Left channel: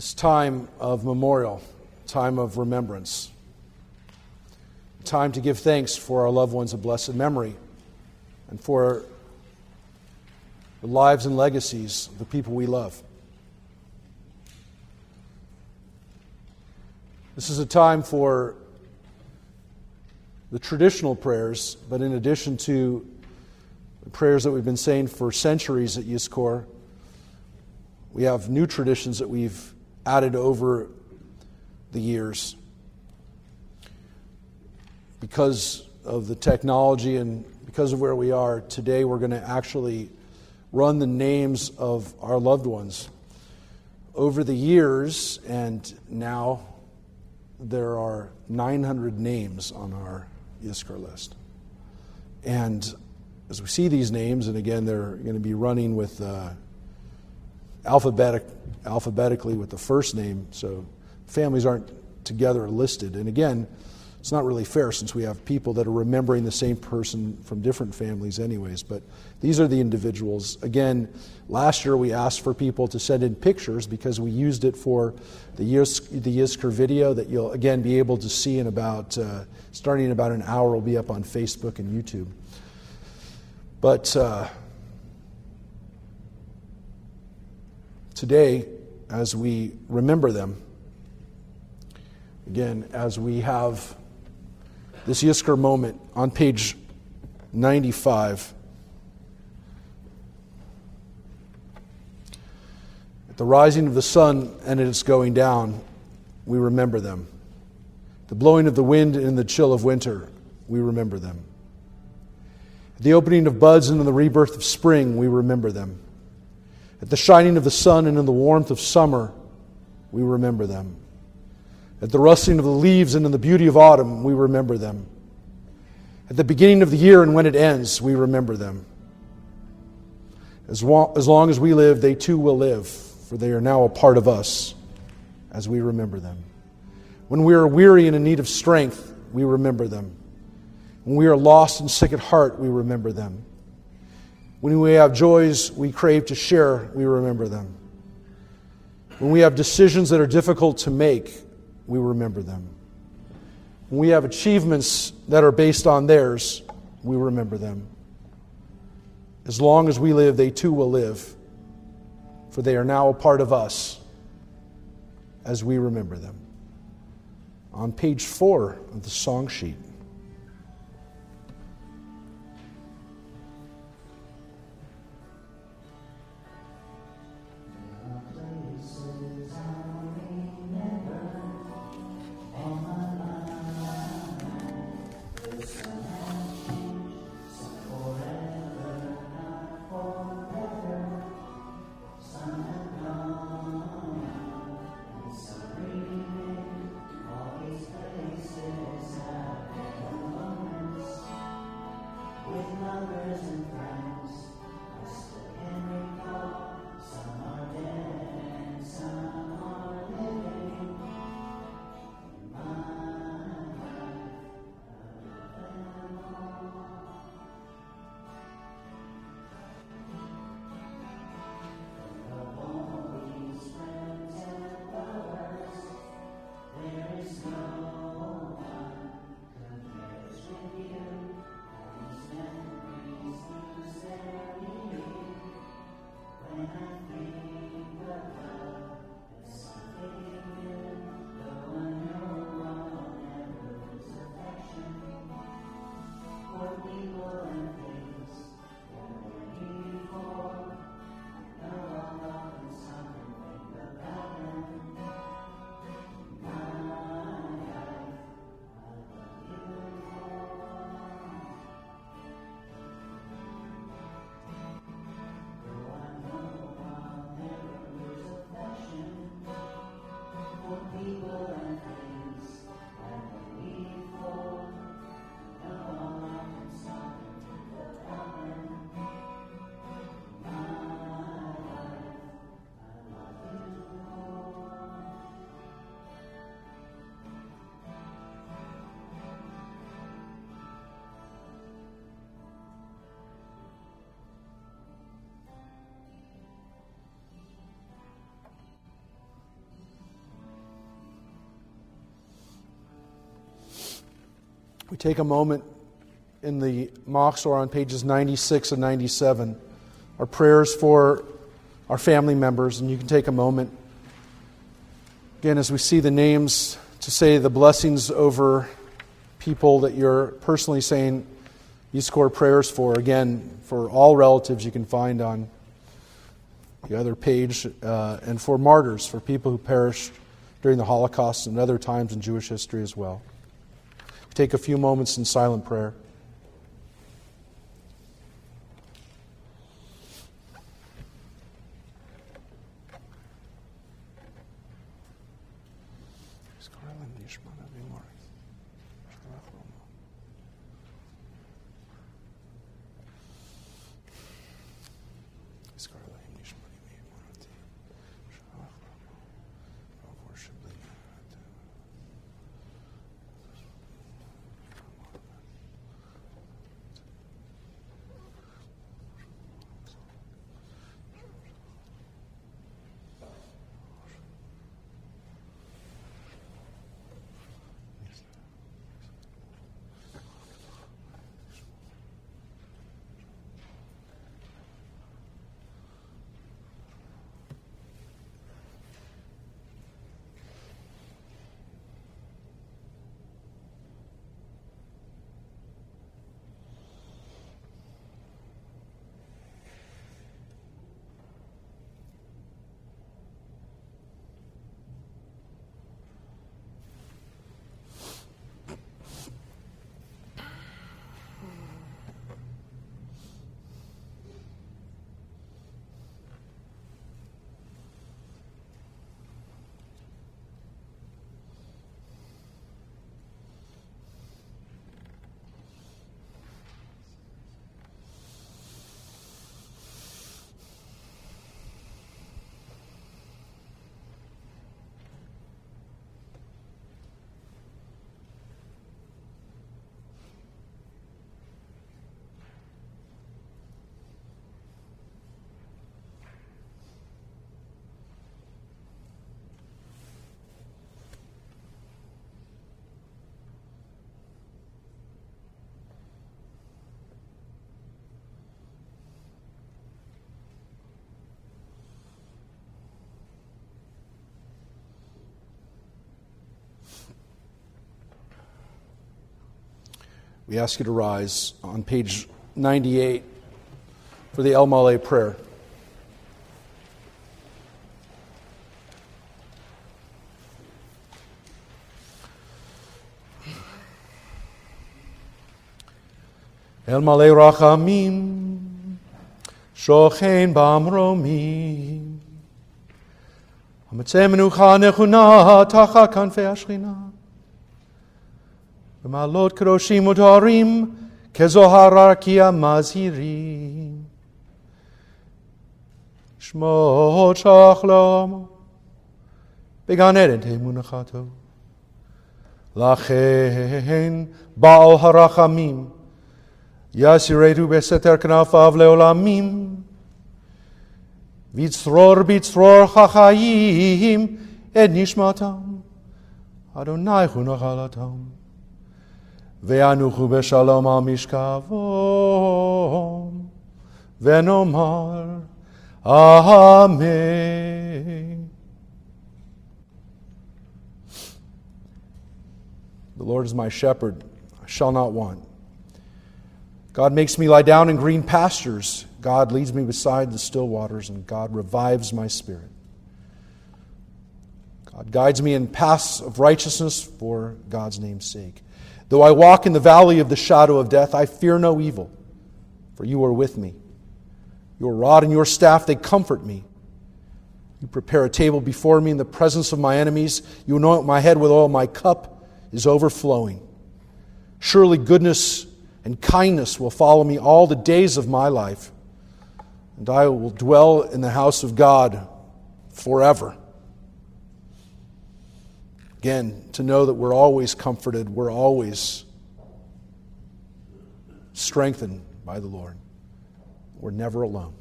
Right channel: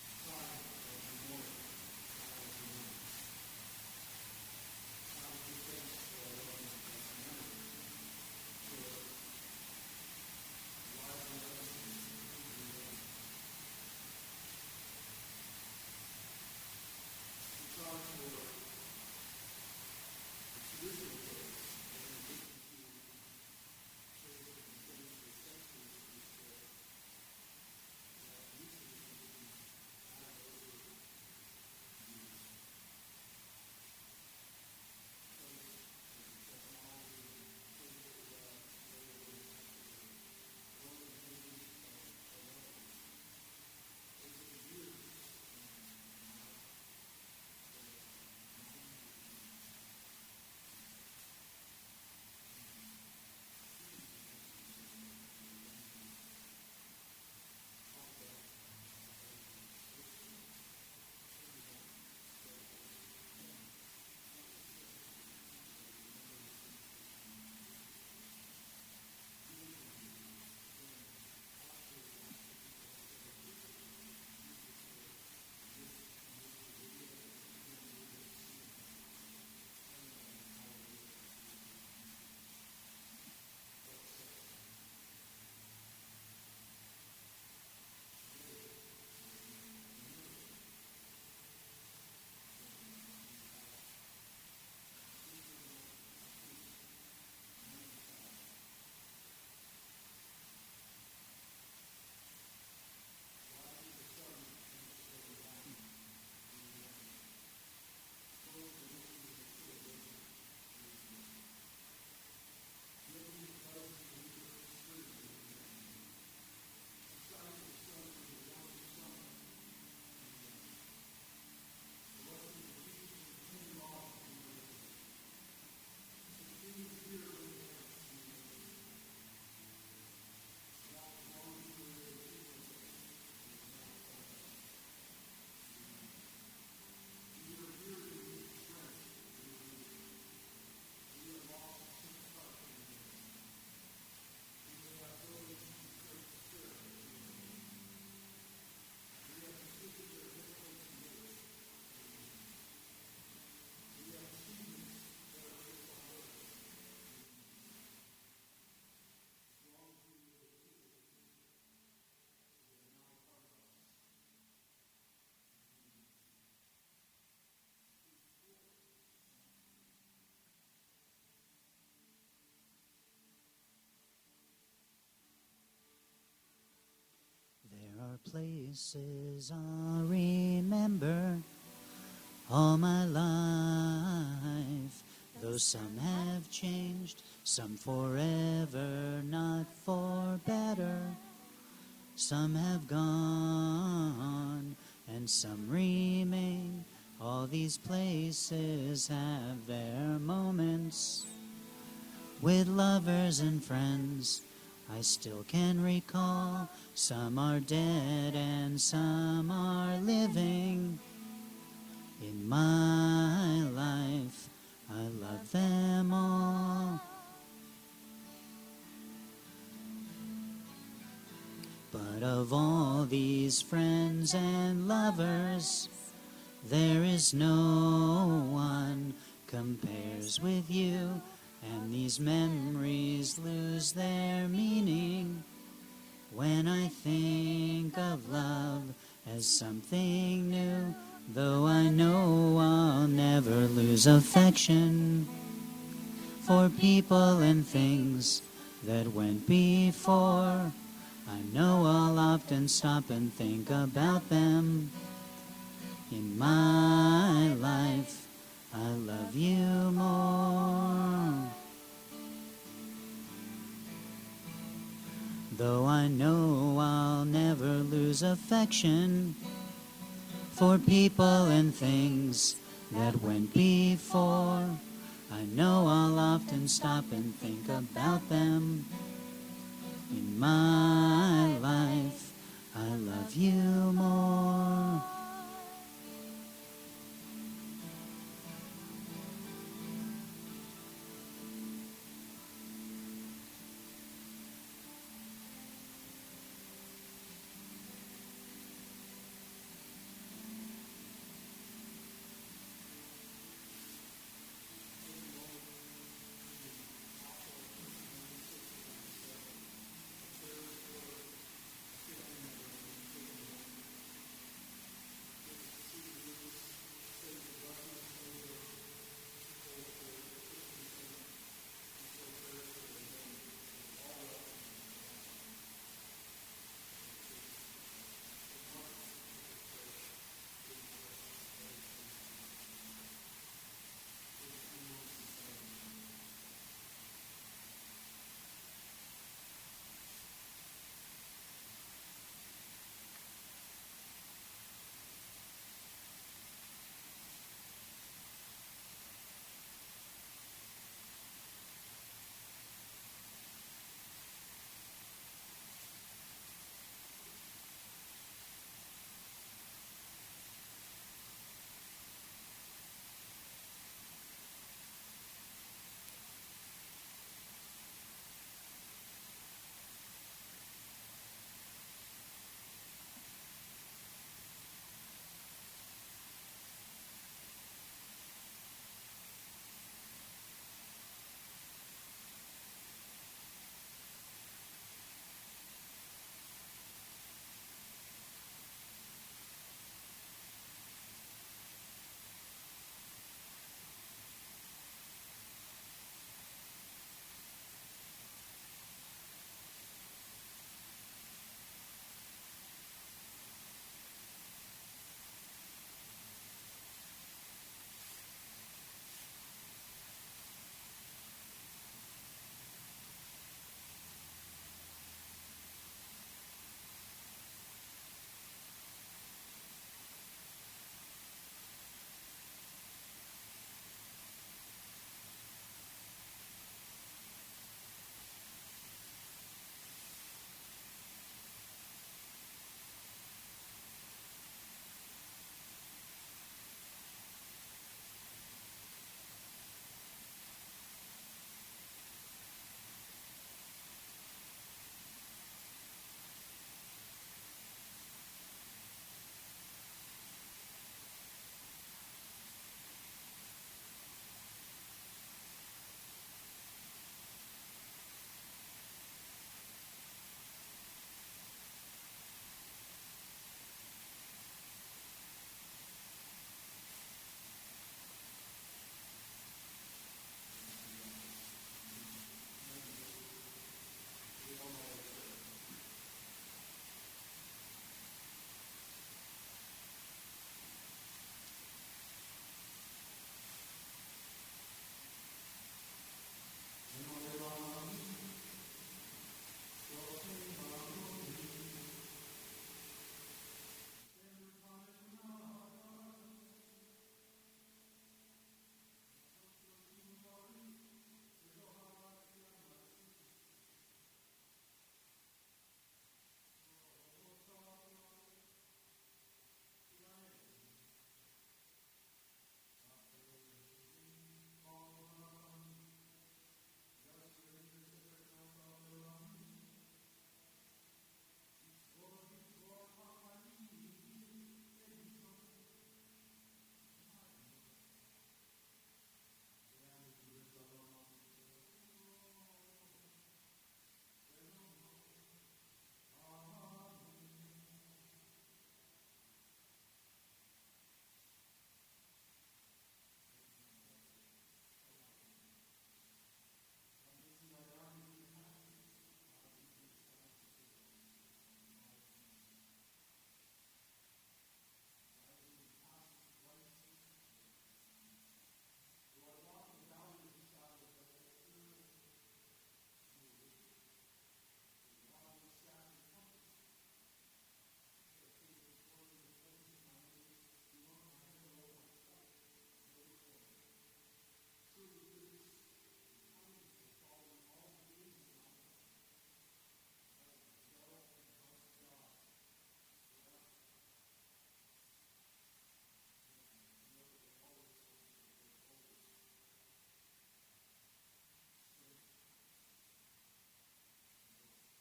this time of memorial, time of remembrance, time to give thanks for our loved ones of blessed memory and for the lives and legacies of the people we love. This is a time for the traditional prayers, but in addition to the prayers that we've been saying for centuries at Yizkor, we have new traditions that we've added over the years. Because of the technology and because of where we are, today we're going to actually run the names of our loved ones. Over the years, and now there are 900 names on our Yizkor list. And as we see these names, and again, they're going to be running with alphabetically with the first name, so families aren't together listed. And again, it's not really fair since we have people that are remembering the same person from different families anyways, but these are the individuals. Again, last year we asked for people to send in pictures because we used it for the Yizkor video that you'll again be able to see in about, starting in about an hour, will be up on Facebook and YouTube. But today, as we remember them, again, as we have this Yizkor moment on page 95, at the rising of the sun and at its going down, we remember them. The blowing of the wind in the chill of winter, we remember them. The opening of buds and in the rebirth of spring, we remember them. At the shining of the sun and in the warmth of summer, we remember them. At the rustling of the leaves and in the beauty of autumn, we remember them. At the beginning of the year and when it ends, we remember them. As long as we live, they too will live, for they are now a part of us as we remember them. When we are weary and in need of strength, we remember them. When we are lost and sick at heart, we remember them. When we have joys we crave to share, we remember them. When we have decisions that are difficult to make, we remember them. When we have achievements that are based on theirs, we remember them. As long as we live, they too will live, for they are now a part of us as we remember them. On page 4 of the song sheet. All my life, though some have changed, some forever, not for better. Some have gone, and some remain. All these places have their moments. With lovers and friends, I still can recall. Some are dead and some are living. In my life, I love them all. But of all these friends and lovers, there is no one compares with you, and these memories lose their meaning when I think of love as something new. Though I know I'll never lose affection for people and things that went before, I know I'll often stop and think about them. In my life, I love you more. Though I know I'll never lose affection for people and things that went before, I know I'll often stop and think about them. In my life, I love you more. take a moment in the Machzor on pages 96 and 97, our prayers for our family members, and you can take a moment, again, as we see the names, to say the blessings over people that you're personally saying you score prayers for. Again, for all relatives you can find on the other page, and for martyrs, for people who perished during the Holocaust and other times in Jewish history as well. Take a few moments in silent prayer. We ask you to rise on page 98 for the El Malei prayer. El Malei Rachamim, Shochein Bamromi, Amatzeh Menucha Nechuna Tacha Kanfei Ashchina, B'malot Kedoshim U'Toharim, Kezohar Arkia Mazhirim, Shmot Shachlom, Began Eden Temunachato, Lachein Baal Harachamim, Yasiretu beseter knafav leolamim, vitzror bitzror chachayim et nishmatam, Adonai hu nachalatam, ve'anuchu beshalom al mishkavom, ve'nomar Amen. The Lord is my shepherd, I shall not want. God makes me lie down in green pastures. God leads me beside the still waters, and God revives my spirit. God guides me in paths of righteousness for God's name's sake. Though I walk in the valley of the shadow of death, I fear no evil, for you are with me. Your rod and your staff, they comfort me. You prepare a table before me in the presence of my enemies. You anoint my head with oil. My cup is overflowing. Surely goodness and kindness will follow me all the days of my life, and I will dwell in the house of God forever. Again, to know that we're always comforted, we're always strengthened by the Lord. We're never alone.